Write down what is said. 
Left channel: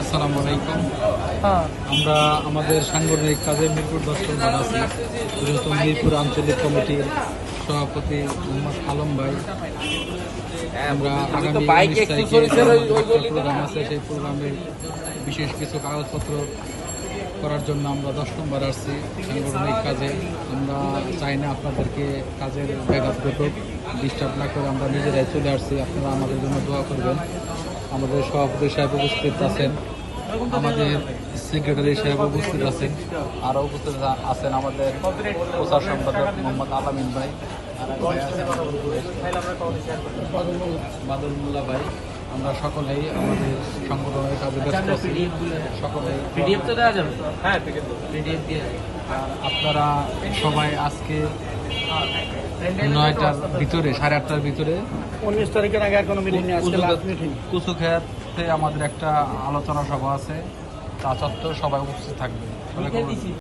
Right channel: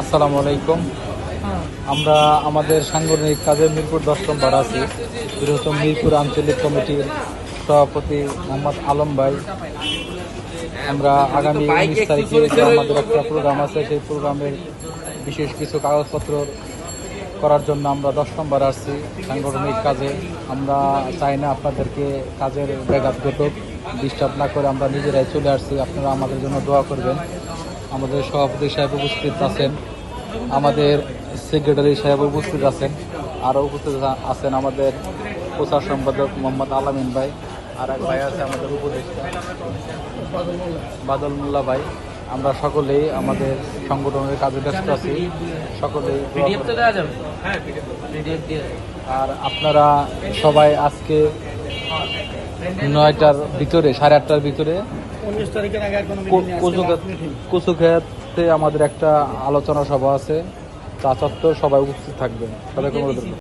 আসসালামু আলাইকুম। আমরা আমাদের সাংগঠনিক কাজে মিরপুর 10 নম্বর আছি। বৃহত্তম মিরপুর আঞ্চলিক কমিটির সভাপতি মোহাম্মদ আলম ভাই। আমরা আগামী 19 তারিখে আমাদের একটা প্রোগ্রাম আছে, সেই প্রোগ্রামের বিশেষ কিছু কাগজপত্র করার জন্য আমরা 10 নম্বর আসছি সাংগঠনিক কাজে। আমরা চাই না আপনাদেরকে কাজের ব্যাঘাত ঘটুক, ডিস্টার্ব না করে আমরা নিজেরাই চলে আসছি। আপনারা আমাদের জন্য দোয়া করবেন। আমাদের সভাপতি সাহেব উপস্থিত আছেন, আমাদের সেক্রেটারি সাহেব উপস্থিত আছেন, আরও উপস্থিত আছেন আমাদের প্রচার সম্পাদক মোহাম্মদ আলামিন ভাই, আর এক ভাই আছে আমাদের উপদেষ্টা বাদল মোল্লা ভাই। আমরা সকলেই আমাদের সংগঠনের কাজে ব্যস্ত আছি। সকলেই পিডিএফ তো দেওয়া যাবে। হ্যাঁ, পিডিএফ দিয়ে। আর আপনারা সবাই আজকে 9টার ভিতরে, 8:30টার ভিতরে 19 তারিখের আগে আর কোনো মিটিং নেই। কুচুক্ষেত্রে আমাদের একটা আলোচনা সভা আছে। তা সত্ত্বেও সবাই উপস্থিত থাকবেন।